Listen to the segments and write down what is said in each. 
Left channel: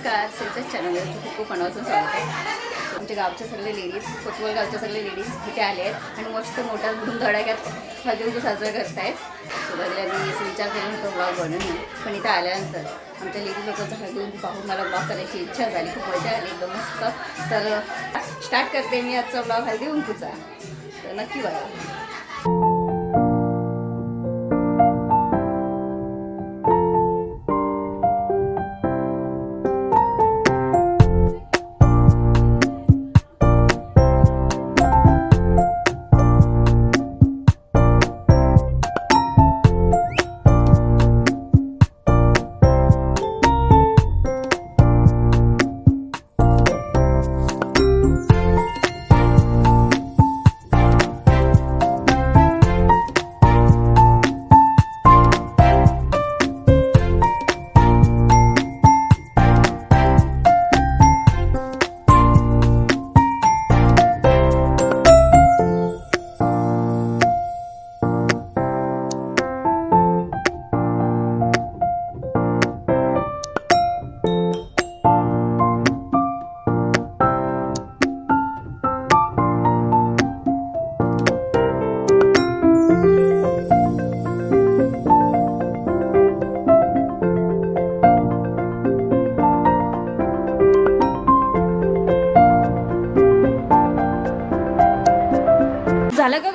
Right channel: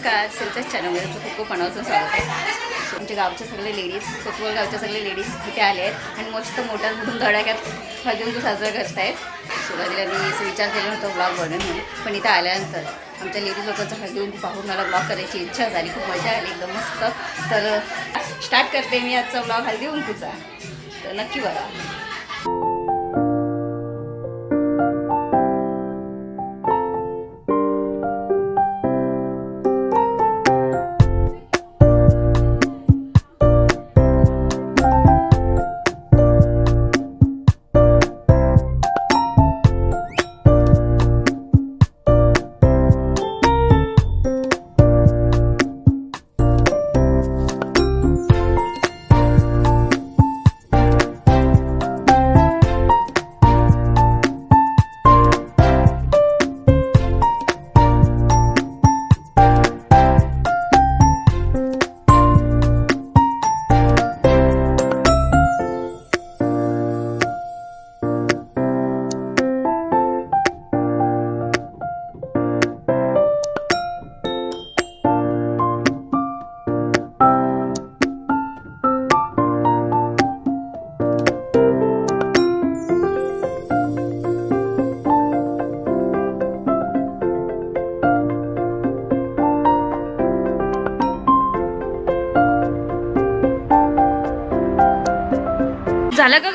नमस्कार सिंचर चॅनलमध्ये तुमचं खूप खूप मनापासून स्वागत आहे. आमच्या गावच्या सगळे लेडीज कोतवल गावच्या सगळे लेडीज इथे आले आहेत आणि मस्त मोठ्या धूम धडाक्यात तू साजरा करतायत. सुरुवातीला मी असं विचार केला नव्हता ब्लॉग बनवून म्हणून पण इथं आल्यानंतर आमच्या लेडीज लोकांचं हळदीकुंकू पाहून मला ब्लॉग करायची इच्छा झाली खूप मजा आली एकदम मस्त. तर स्टार्ट करते मी आजचा ब्लॉग हळदीकुंकूचा तर नक्की बघा.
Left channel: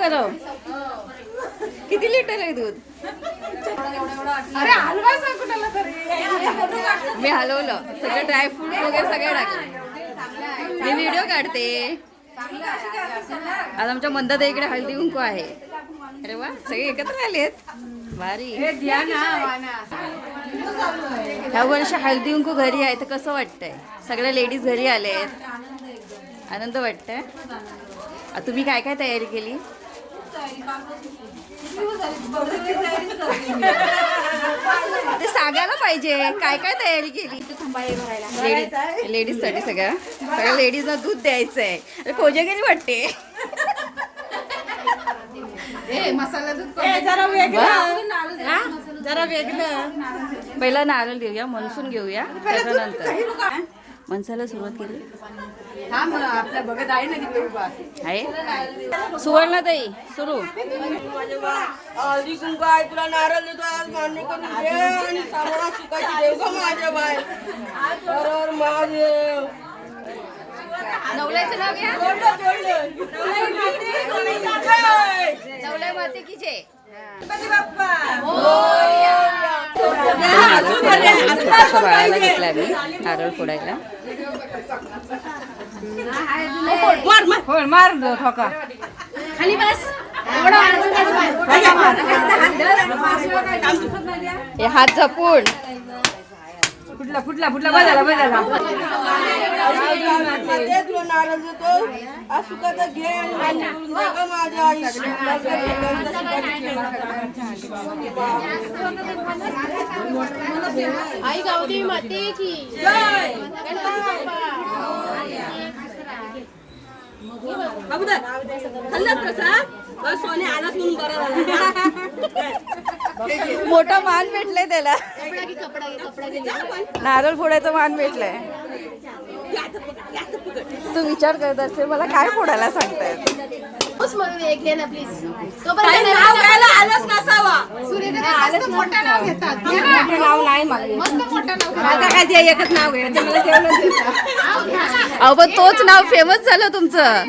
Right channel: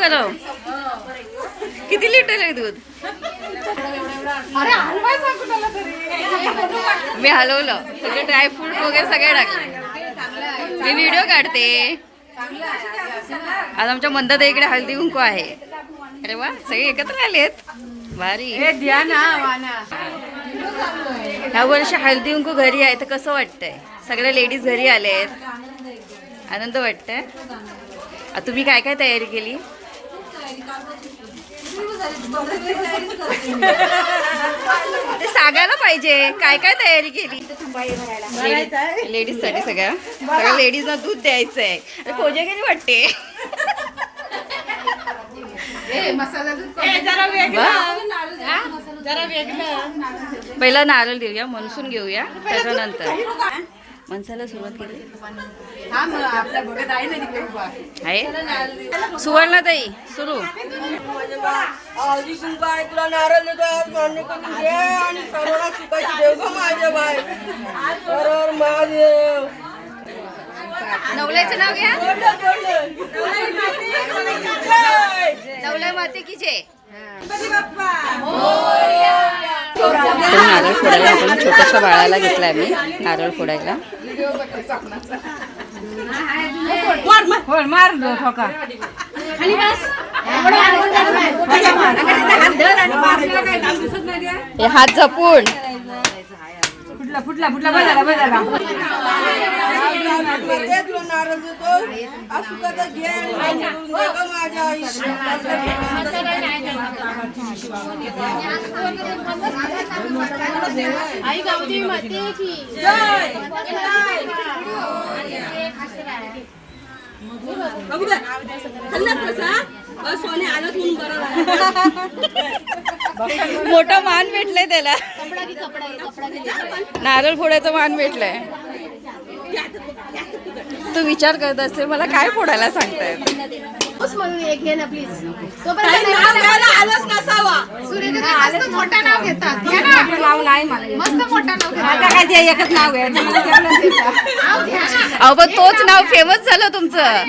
गरम किती लिटर आहे दूध? मी हलवलं. सगळे ड्रायफ्रूट वगैरे सगळे टाकले. मी व्हिडिओ काढते. आज आमच्या मंदाता इकडे हळदी कुंकू आहे. अरे वा सगळे एकत्र आलेत. भारी. ह्या वर्षी हळदी कुंकू घरी आहे तर कसं वाटतंय? सगळ्या लेडीज घरी आले आहेत आनंद वाटतंय. तुम्ही काय काय तयारी केली? ते सांगायला पाहिजे. काय काय तयारी केली? लेडीजसाठी सगळ्या सगळ्या लेडीजना दूध द्यायचं? आहे कोजागिरी वाटते पहिला नारळ देऊया मनसून घेऊया. त्याच्यानंतर. मनसाला सुरुवात केली. आहे सुवर्णाताई सुरू आधी कुंकाय तुला महादेव नवल्याचं नाव घ्या! नवल्या माते की बाप्पा नारळ फोडायला आपण छोट्याशा बाळाला घेतला आम्ही नारळ फोडायला. हे हात जपून. मान्य करून घे गं माझ्या आई गावदेवी माते की. अगोदर खाल्लास प्रसाद बस सोने आलंच म्हणून बरं झालं. मोठा मान भेटलाय त्याला. कपडा की कपडा कपडा गेले नारळ फोडायचा मान भेटलाय. तू विचार करत असते मला काय फोडायला सांगतायत म्हणून एक घे ना प्लीज अहो पण तोच नाव फेमस झालं तुमचं.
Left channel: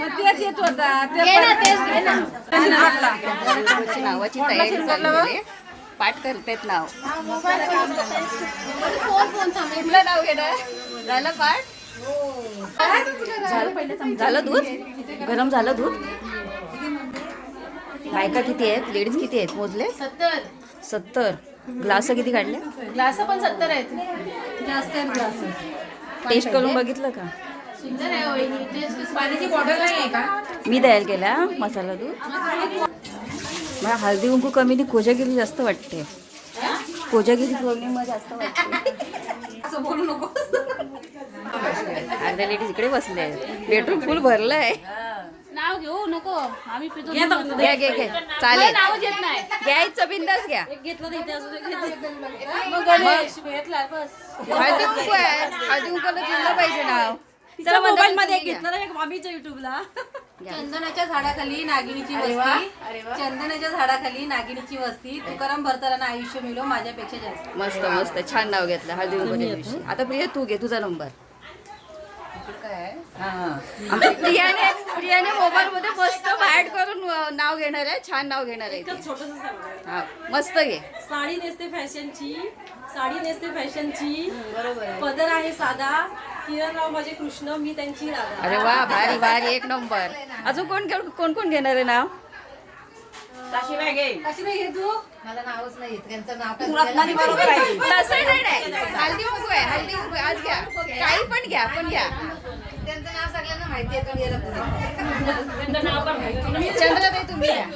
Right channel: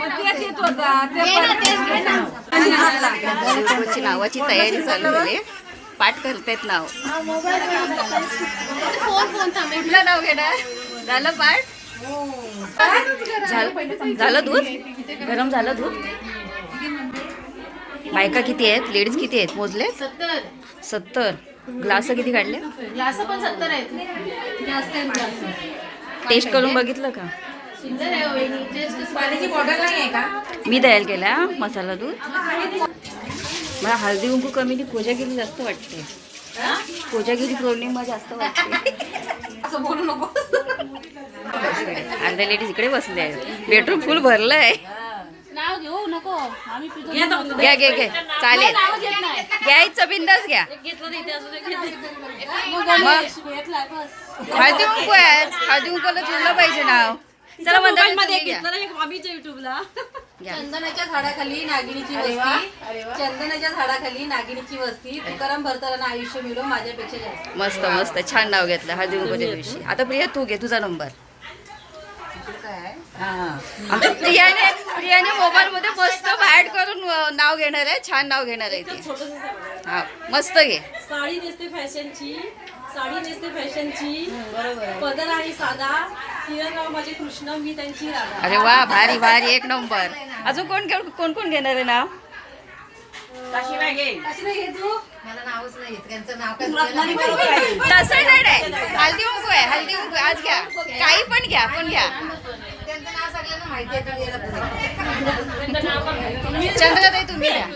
नावाची तयारी चालू झाली पाठ करतायत नाव. कुठलं नाव घेणार? झालं पाठ? झालं झालं दूध? गरम झालं दूध? बायका किती आहेत? लेडीज किती आहेत? मोजले सत्तर. सत्तर ग्लास किती काढले? ग्लास पण सत्तर आहेत. जास्त आहेत ग्लास. टेस्ट करून बघितलं का? हो मी तयार केला मसाला दूध. मला हळदी कुंकू कमी ती कोजागिरी जास्त वाटते. कोजागिरी पौर्णिमा जास्त वाटते. अर्ध्या लेडीज इकडे बसले आहेत. बेडरूम फुल भरलं आहे नाव घेऊ? नको. आम्ही पितो घ्या घे घे चालेल नाव घेत नाही. घ्यायचं बिंदास घ्या. घेतलं नाही हळदी कुंकू आहे. हळदी कुंकूला जुळलं पाहिजे नाव. चला युट्यूबला. चंदनाच्या झाडाखाली नागिनीची वस्ती. चंदनाच्या झाडाखाली नागिनीची वस्ती. तुकाराम भरताना आयुष्य मिळो माझ्यापेक्षा जास्त. मस्त मस्त. छान नाव घेतलं हळदी कुंकूच्या दिवशी. आता प्रिया तू घे तुझा नंबर. आमच्या प्रियाने प्रियाने मोबाईल मध्ये मस्त ऍड करून नाव घेणार आहे छान नाव घेणार आहे ती. हा मस्त घे. साडी नेसते फॅशनची साडी नेसते फॅशनची. पदर आहे साधा. किरणराव माझे कृष्ण मी त्यांची राधा. अरे वा भारी भारी एक नंबर. अजून कोण घेऊ- कोण कोण घेणार आहे नाव? अशी नाही घे तू. मला नावच नाही येत त्यांचं नाव काय तसं नाही नाही. हल्दी कुंकू आहे हल्दी आहे. आज घ्या. काही पण घ्या पण घ्या. चंद्रताई तुम्ही घ्या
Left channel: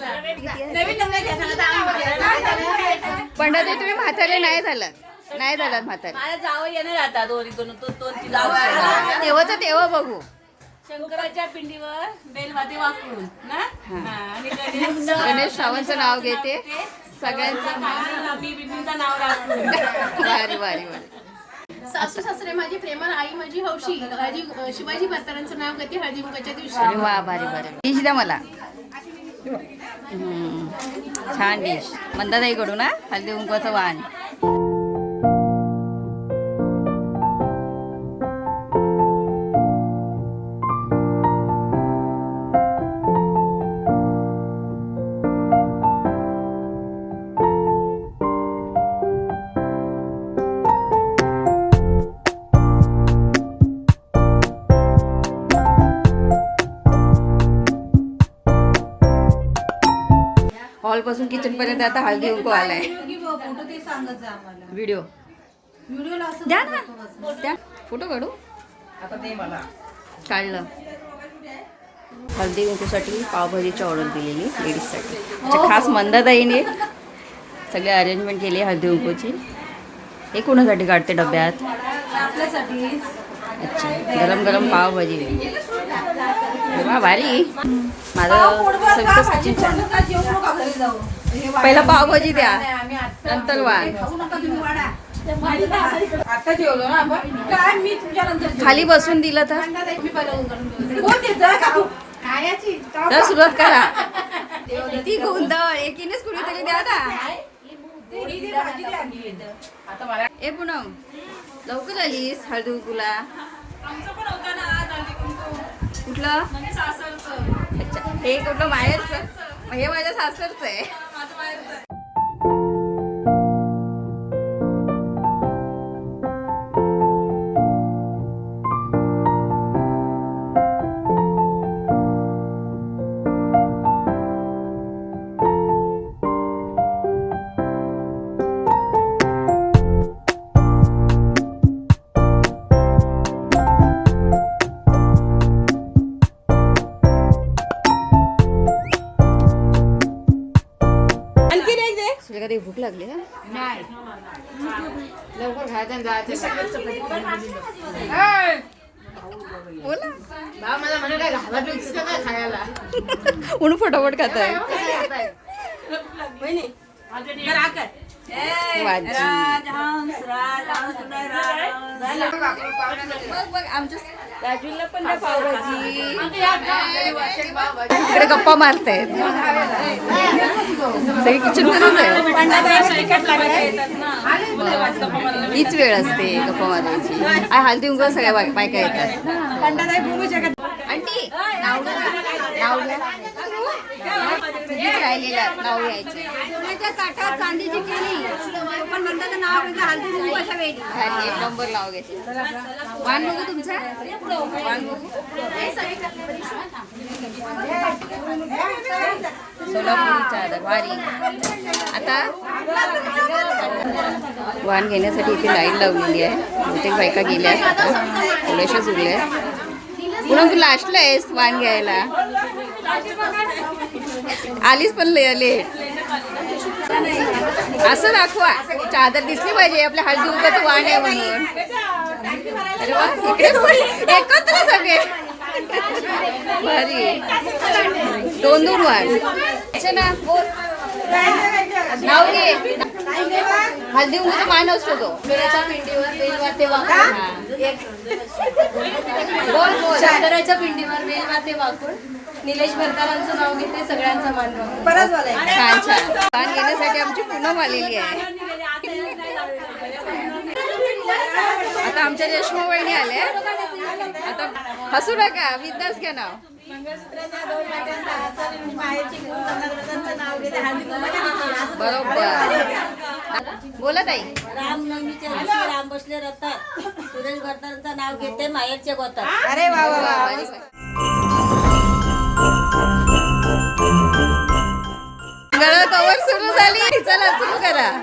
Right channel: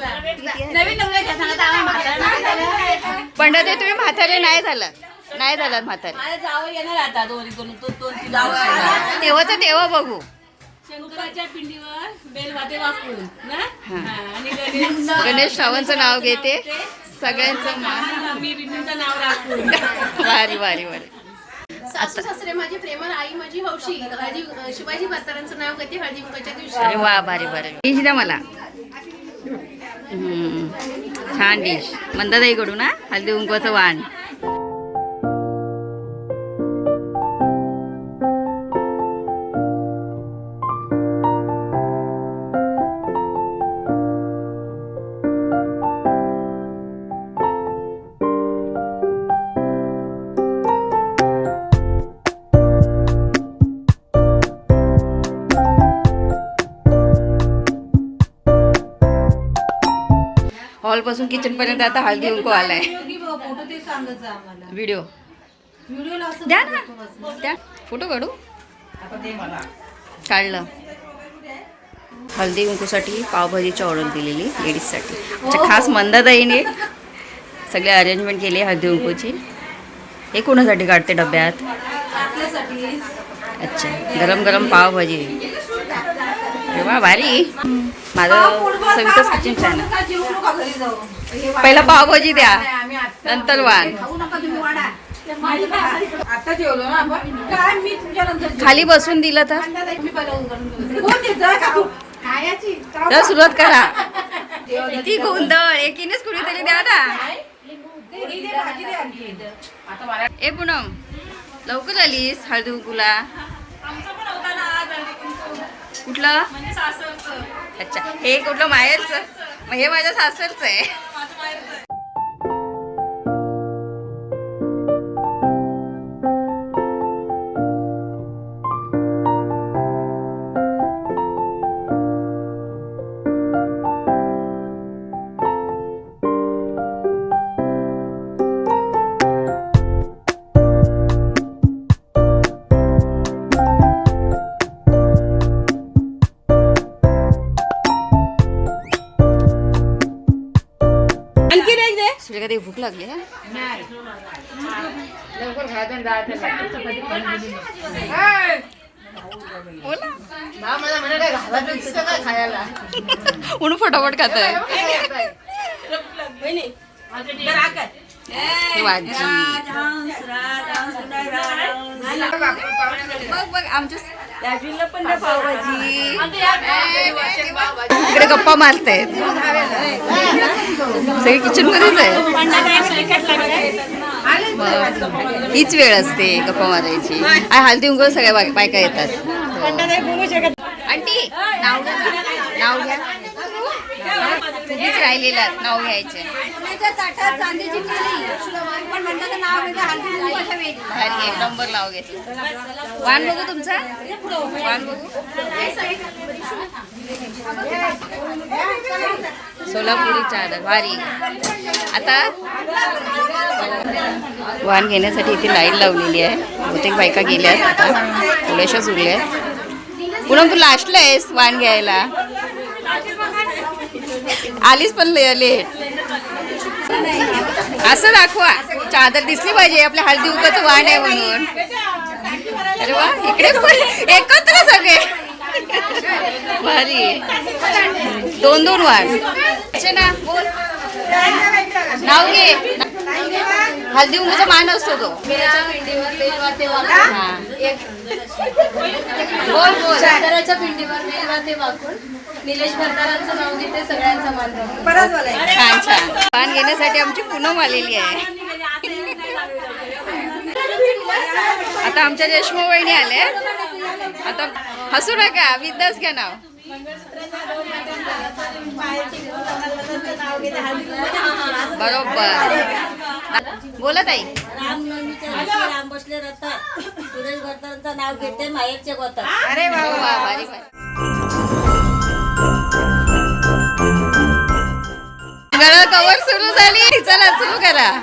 पंडित तुम्ही म्हातारे नाही झालात नाही झालात म्हातारे. माझ्या जावं येणार आता दोन दोन दोन दोन तीन तेव्हा तर तेव्हा बघू. शंकराच्या पिंडीवर बेलवाते वाकून ना? आणि गणेश गणेश सावंतचं नाव घेते. सगळ्यांचं नाव वारी वारी वारी सासू सासरे माझी प्रेमळ आई माझी हौशी हळदी शिवाजी म्हातारांचं नाव घेते हळदी कुंकाच्या दिवशी अरे वा भारी भारी. डिश द्या मला. हम्म. छान डिश. मंदाताई कडून ना हल्दी कुंकवाचं वाण. हॉलपासून किचन पर्यंत आता हळदी कुंकू आलाय. व्हिडिओ द्या ना. द्या. फोटो काढू. काढलं. हळदी कुंकूसाठी पावभाजीची ऑर्डर दिलेली लेडीजसाठी. अच्छा खास मंदाताईने सगळे अरेंजमेंट केली हळदी कुंकूची. हे कोणासाठी काढते डब्यात? अच्छा. गरम गरम पावभाजी. अरे वा भारी. माझं फॅन पहिला पावभाजी द्या. नंतर वाण खाऊ नका तुम्ही वाडा. आता जेवलो ना आपण. काय मी तुमच्या नंतर खाली बसून दिलं तर? तर सुरुवात करा. किती गोंधळ. एकीनेच कुणीतरी द्या. आता. ए पूनम. लवकर आलीस हळदी कुंकूला. कुठलं? अच्छा हे कुठलं माहेरचं? हे माझ्या सासरचं आहे. दिसतं काय खायला? म्हणून फटाफट खात आहे. हे आमच्या राजवीला पण द्या पावभाजी. इकडे गप्पा मारतायत. सगळे किचन मध्येच आहे हीच वेळ असते गप्पा मारायची. आ, हळदी उंग सगळ्या बाय- बायका येतात. आंटी नाव घ्या. नाव घ्या. राहिलेला नाव घ्यायचे. भारी एक नंबर लाव घेतलं. वाण बघू तुमचा? वाण बघू. सोलापुरी चादर भारी. आता? वाण घेण्यासाठी इथे लाइट लावलेली आहे. बहुतेक बायका गेल्यात आता. थोड्याशाच उरल्या पुन्हा तू लास्टला आहेस वाण घ्यायला. आलीच पण लेट. असं दाखवा. चादर दिसली पाहिजे आपल्या हळदी उकाचं वाण आहे म्हणून. अरे वा इकडे पण एकत्र सगळे. भारी. दोन दोन बोल. नाव घे. हल्दी उंदीचा मान असतो तो. शंकराच्या पिंडीवर हा. निलेश भरतारांचं नाव घेते सगळ्यांचा मान छान छान. पान घेण्यासाठी आमची पूनम आलेली आहे. आता आमच्या रेशमा वहिनी आल्या आता हसू नका विद्यास घ्या नाव. बरोबर. बोला ताई. रामनवमीच्या दिवशी राम बसले रथात. सुरेश भरतांचं नाव घेते माहेरचे गोतात वा, भारी, भारी. गळा कवर सुरू झाली. चला सुरू करा.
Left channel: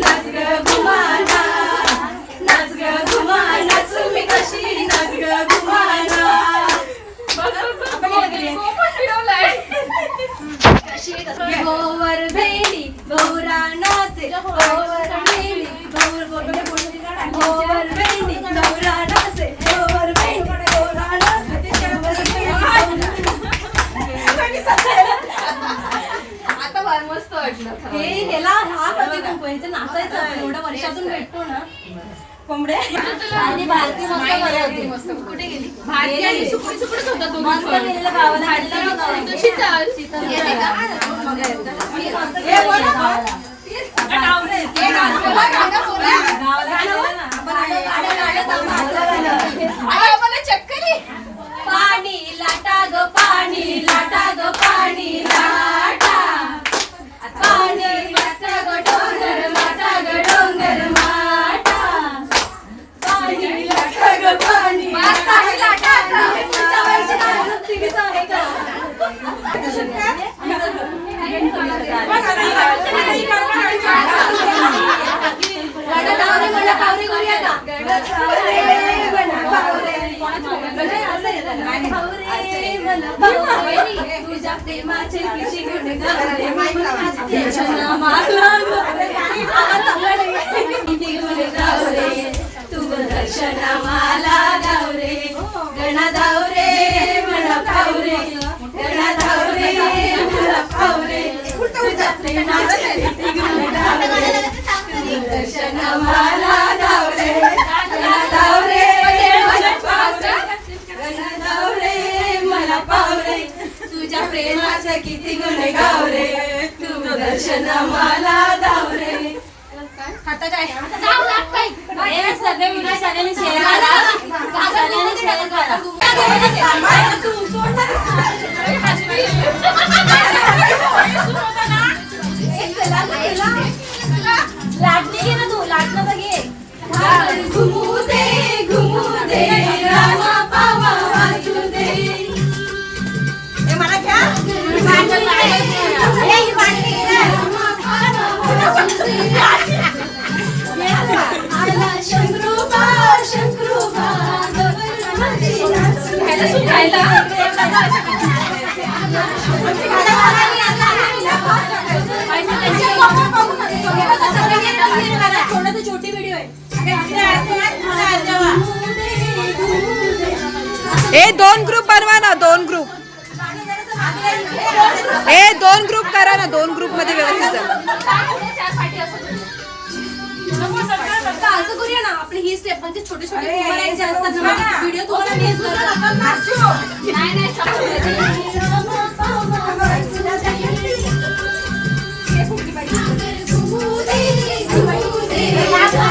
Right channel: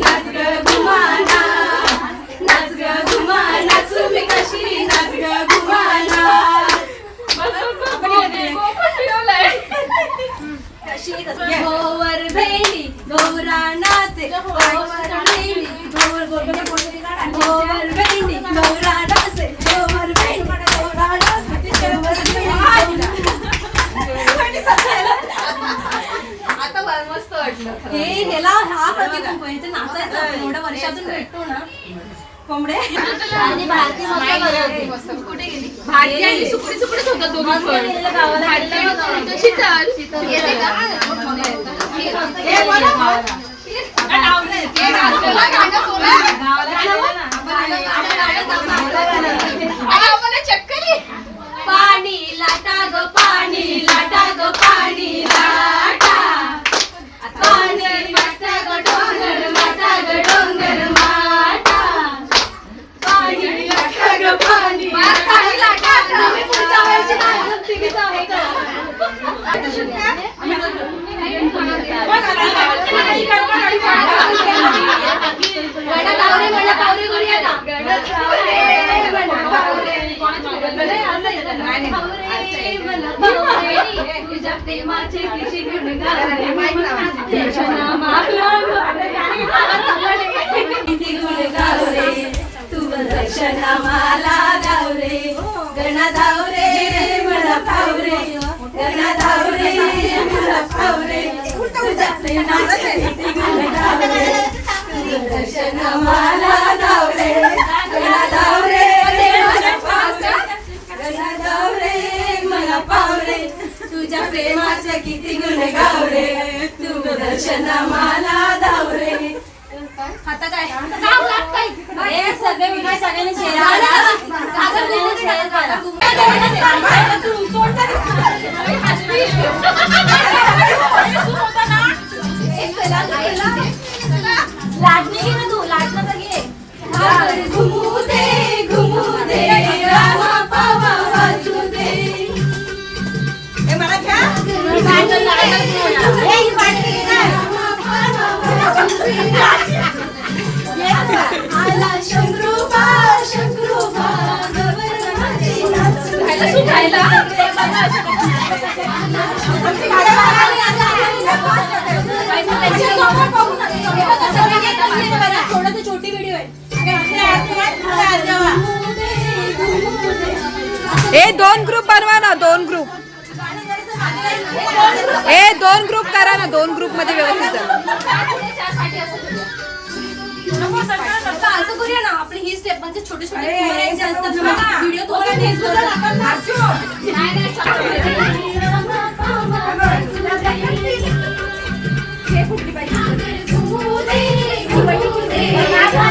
गोवर भेंडी गौराणाचे गोवर भेंडी गोवर गोवर भेंडी गौराणाचे गोवर भेंडी आता फार मस्त वाटलं हे ह्याला हा कधी आहे. नाचायचं एवढ्या वर्षातून भेटतो ना कोंबडे? आणि भारती. कुठे गेली? भाजी आणि होता दोघी शीतल? हे बोला. चक्कर. पाणी लाटा ग पाणी लाटा ग पाणी लाटा. तुझ्या प्रेमाचे पिशी घेऊन दर्शना मला गावरे गणा धावरे मला पावरे गणा धावरे मला पावरे. तुझ्या प्रेमाचे किती गुण मला धावरे धावरे मला पावरे धावरे पावरे. तुझ्या प्रेमाचे किती गुण गावरे. तू दर्शन मला धावरे. आता काय हे सगळे विजय सगळ्यांनी शेअर सगळ्यांनी शेअर करा तू लाटणी ना तू लाटणं तर घे घुमू दे घुमू दे पावा थोडं छोटी व्हिडिओ आहे ए दोन ग्रुप बनवा ना दोन ग्रुप ए दोन ग्रुप करा ना दोन ग्रुपमध्ये व्यवस्थित असं करूया ना आपली ही स्टेप म्हणजे छोटे छोटे व्हिडिओ तो शंकरोबा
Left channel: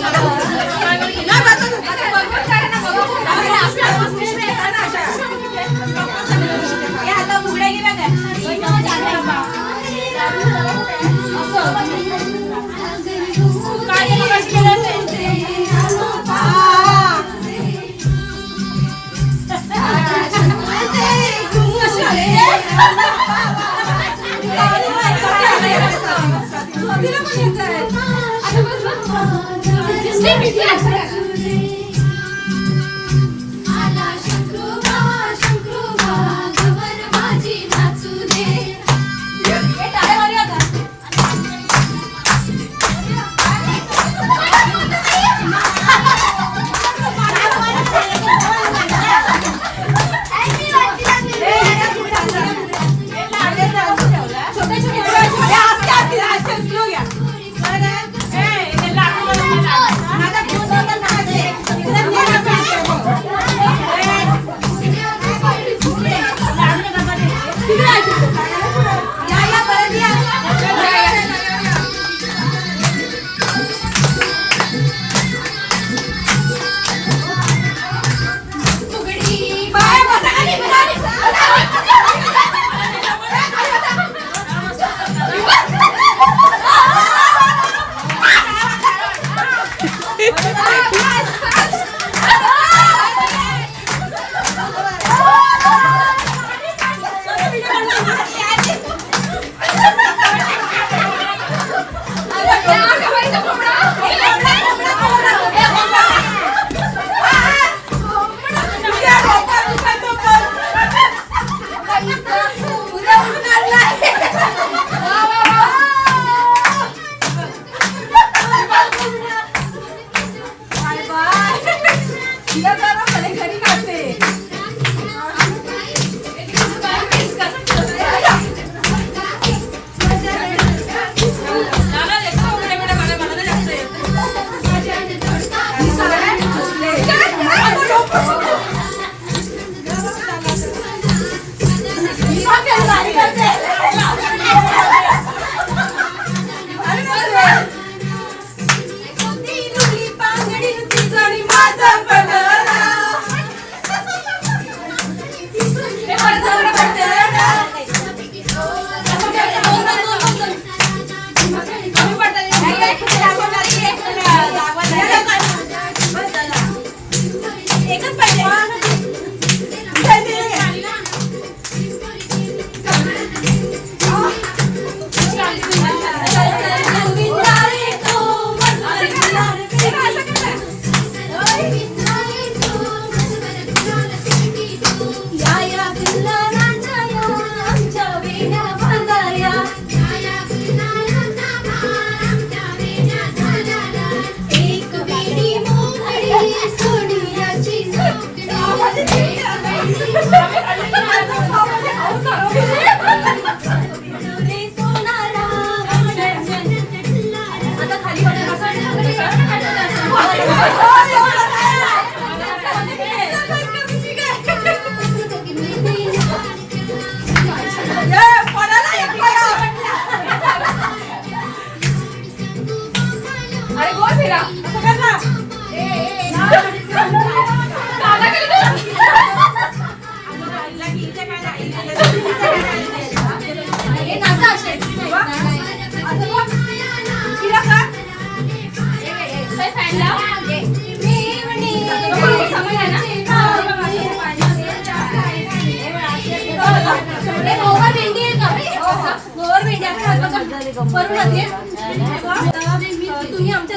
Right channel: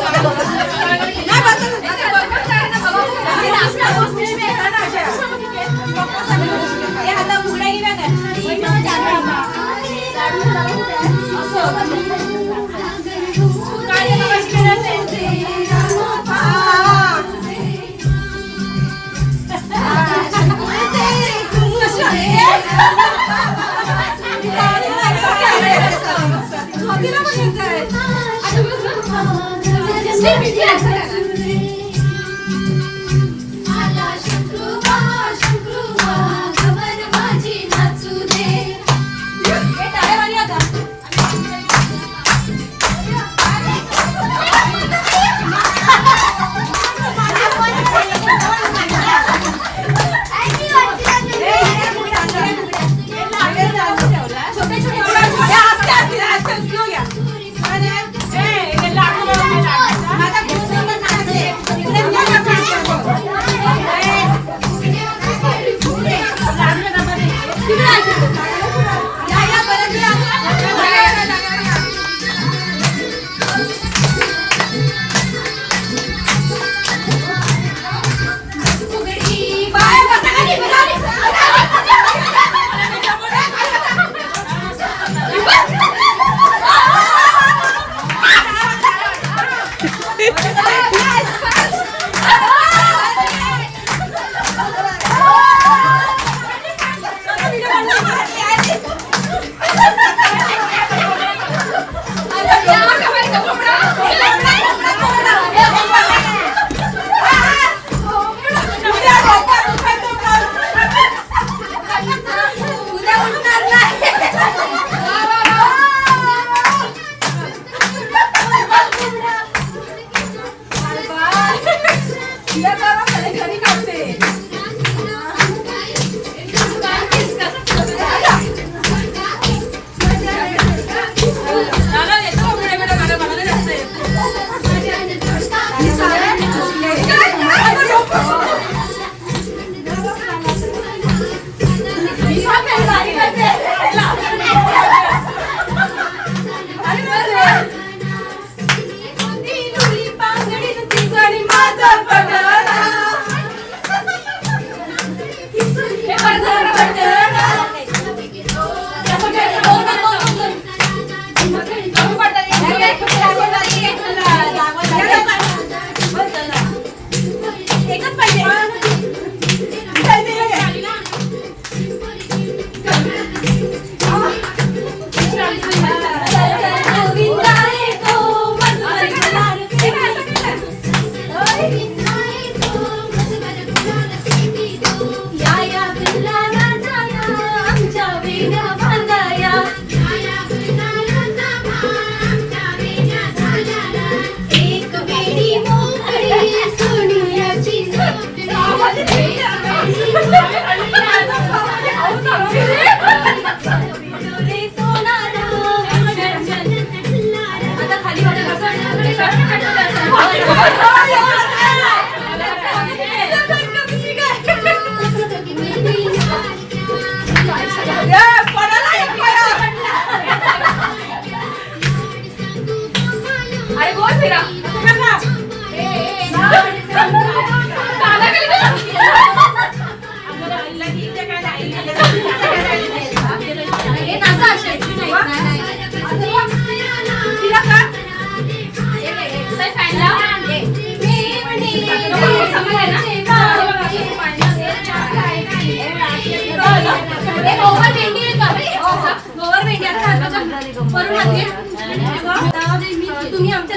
आला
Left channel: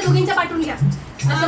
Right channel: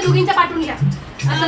दोघींच्या पाठवून घ्या. असं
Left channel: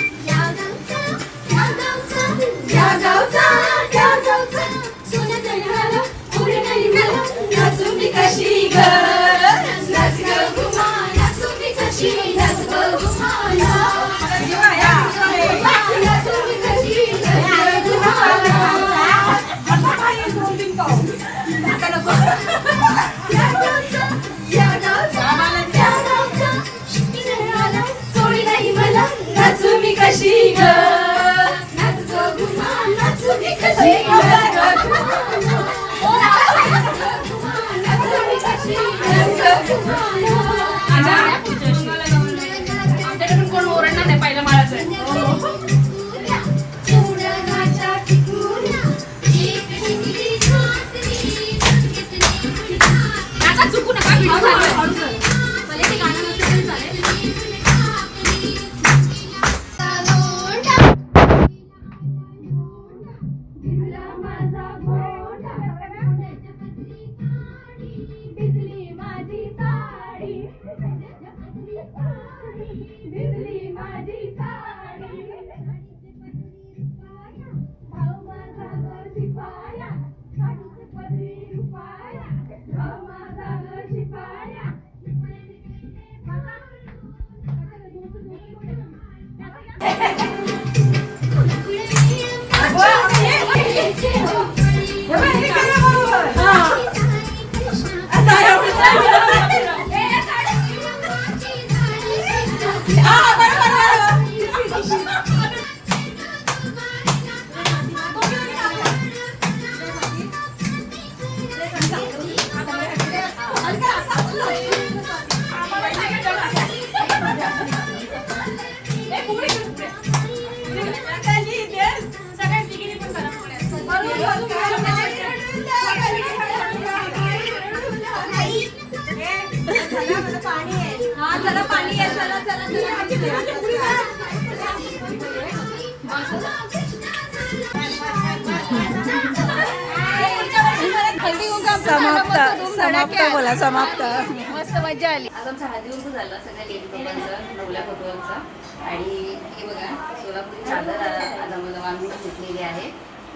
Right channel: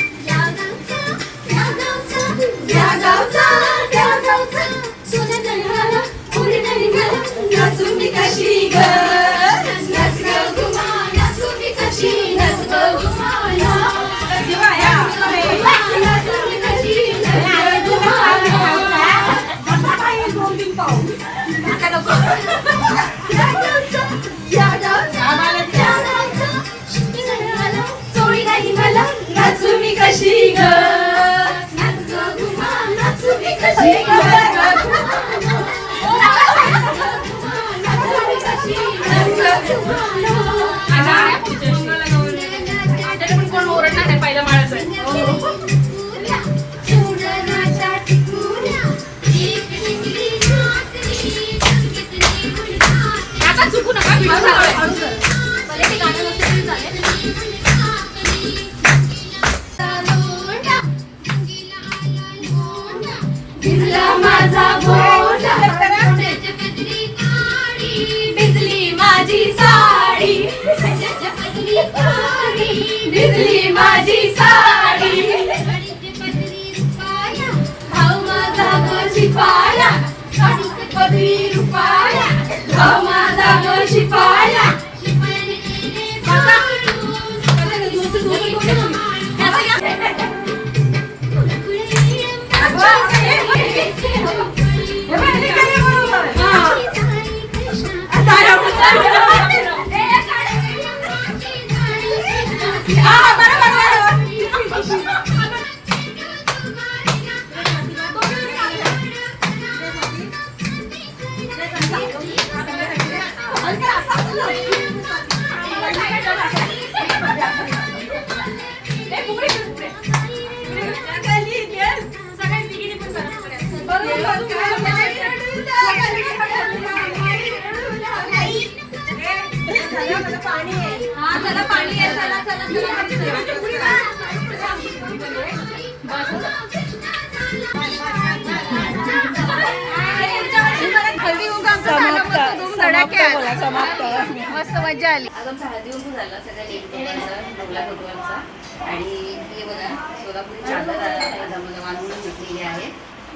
Oh,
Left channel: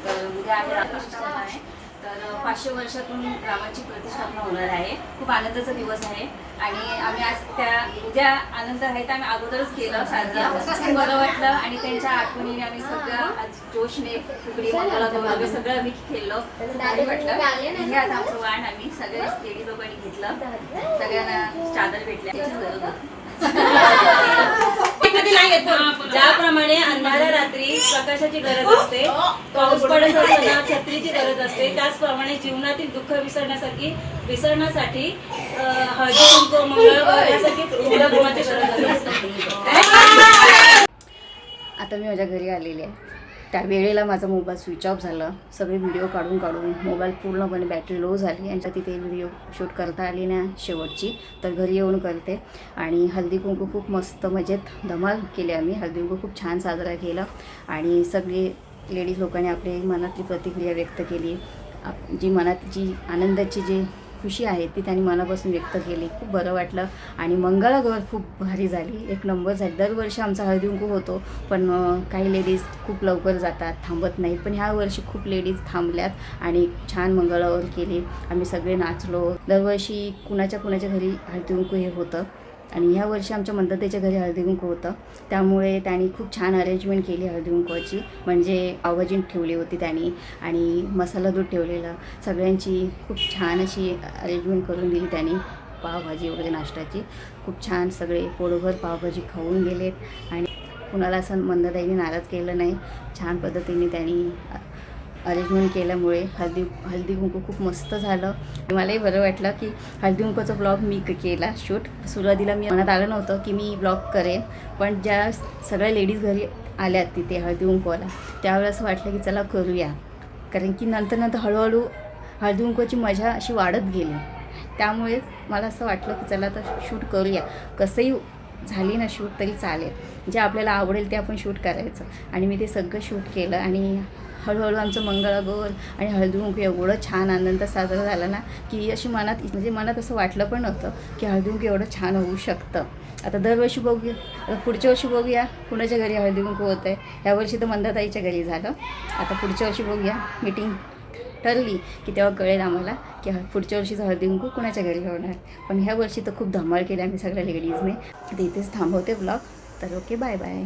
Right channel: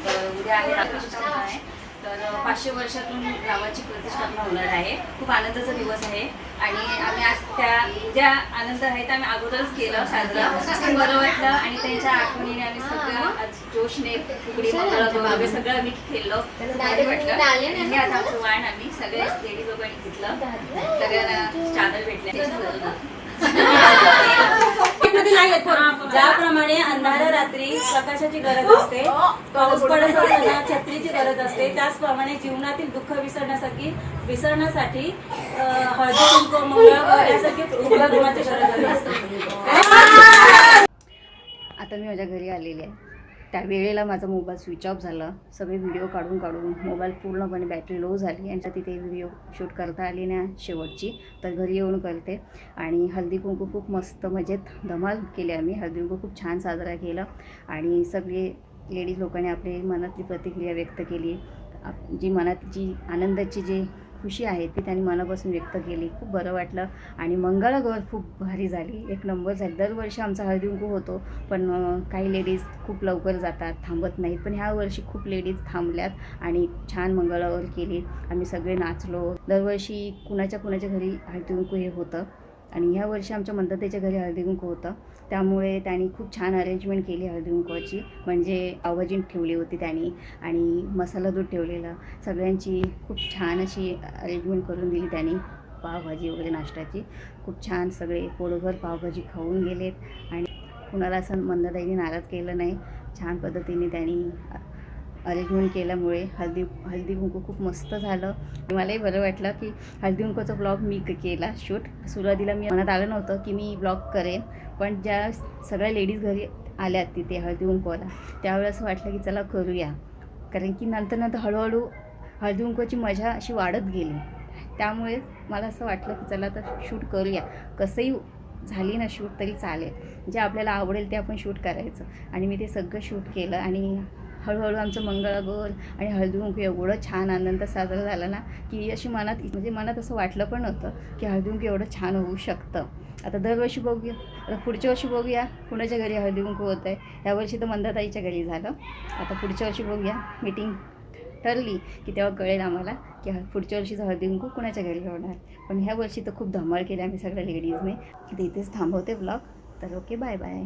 तर उद्या आहे रामकृष्ण आहे तर पाचशे वर्षातून रामाची प्रतिष्ठापना होणार आहे. खूप आनंदाचा दिवस आहे. आणि आम्ही आज त्या ज्या आनंद आहे त्या आम्ही अगोदरच केलं साजरं. खूप बरं वाटलं. आणि त्यांच्या आठवणीने आम्ही सगळं आज जोशने फुगडी वगैरे सगळं आम्ही खेळलो भारी वाटलं. आणि आज आमचं वाण आम्ही सगळे लेडी लोकांनी घेतलं. सगळ्यांना चादर भेटल्या. ज्याप्रमाणे अंधाऱ्या रात्री प्रकाशाची गरज असते पाऊस पडत असताना छत्रीची गरज असते त्याचप्रमाणे जीवनातील दुःख विसरण्यासाठी विसरण्यासाठी हळदी कुंकू यासाठी गुलाबी गरज असते. आता मी माझ्या घरी आलेली आहे. त्या वेळेला माझा मोबाईल स्विच ऑफ झाला. सगळे व्हिडिओ काढून काढून मोबाईल पूर्णपणे बॅटरी लो झाली आणि तिथे व्हिडिओ शूट करता आली ना शेवटची तर घरी येऊन करते. आणि हल्दी कुंकू खूप मस्त मजेत धमाल केली आम्ही. हल्दी कुंकू खूप छान साजरा केला. आणि सगळे लेडीज लोकांनी आपली मनातली प्रतिक्रिया व्यक्त केली. आप- जी मनात जी आनंदाची जी खुशी आहे ती त्यांनी मनापासून व्यक्त केली. खूप बरं वाटलं. आणि मंगळागौर खूप भारी झाली. एक नंबर झाली. दरवर्षी आमचा हळदींकू होतो. पण काही लेडीज खूप लवकर जातात थांबत नाहीत. पण ह्या वर्षी खूप लेडीज थांबल्यात आणि छान मंगळागौर केली. आम्ही सगळे नाचलो. दरवर्षी कुणाच्या कुणाच्या घरी हळदींकू हे होतं. आणि ह्या वर्षी आमच्या मंदतेच्या घरी हळदीकुंकू होतं. त्यामुळे त्यांनी खूप छान अरेंजमेंट केली हळदीकुंकवाची म्हणजे आवाजीन ठेवली होती त्यांनी आणि मसाला दूध ठेवलेलं. सगळ्यांची खूप छान अशी अरेंजमेंट करून दिली त्यांनी. पावभाजी वगैरे नाश्त्याची. खूप छान सगळे पोळभर पावभाजी खाऊन गेलेत. आणि कुणाला असं मंदताईने नाराज केलं नाही. छान पद्धतीने त्यांनी अरेंजमेंट केल्यामुळे हळदी हळदी कुंकू खूप मस्त झालं. मलाही बरं वाटलं की हळदी कुंकूचा ब्लॉग मी केला शूट सुरुवातीला मी मनात आलं नव्हतं की मी ब्लॉग करेन. पण ज्या सगळ्या लेडीज घरी आल्यात तिथे हळदी कुंकूला त्यावेळेस असं वाटलं की चला करूया. कारण की नंतर नंतर हळूहळू हळदी कुंकूची मजा अशी वाढत गेली. त्यामुळे मला असं वाटलं की चला तर शूट करूया. कसंही झाली ना शूट तरी चालेल. जे आपल्याला आवडेल ते आपण शूट करायचं. आणि मी ते सगळं शूट केलं आणि हळूहळू आमचं मंगळागौर आणि हळदीकुंकू एवढं छान आनंद साजरा झाला ना की अशी मनात म्हणजे मनात असं वाटलं पण नव्हतं की हळदी एवढं छान होऊ शकतं. आता दरवर्षी बघूया आता पुढच्या वर्षी बघूया कुणाच्या घरी हळदी होत होतं आहे ह्यावर्षी तर मंदाताईच्या घरी झालं. आता पुढच्या वर्षी बघूया मीटिंग ठरली की तेव्हा कळेल आम्हाला की पुढच्या वर्षीचं हळदी कुणाच्या घरी होणार. पण ह्या वर्षी तर खूप धमाल केली आम्ही सगळ्या लेडीजने तर इथेच थांबवते ब्लॉग तर ओके बाय बाय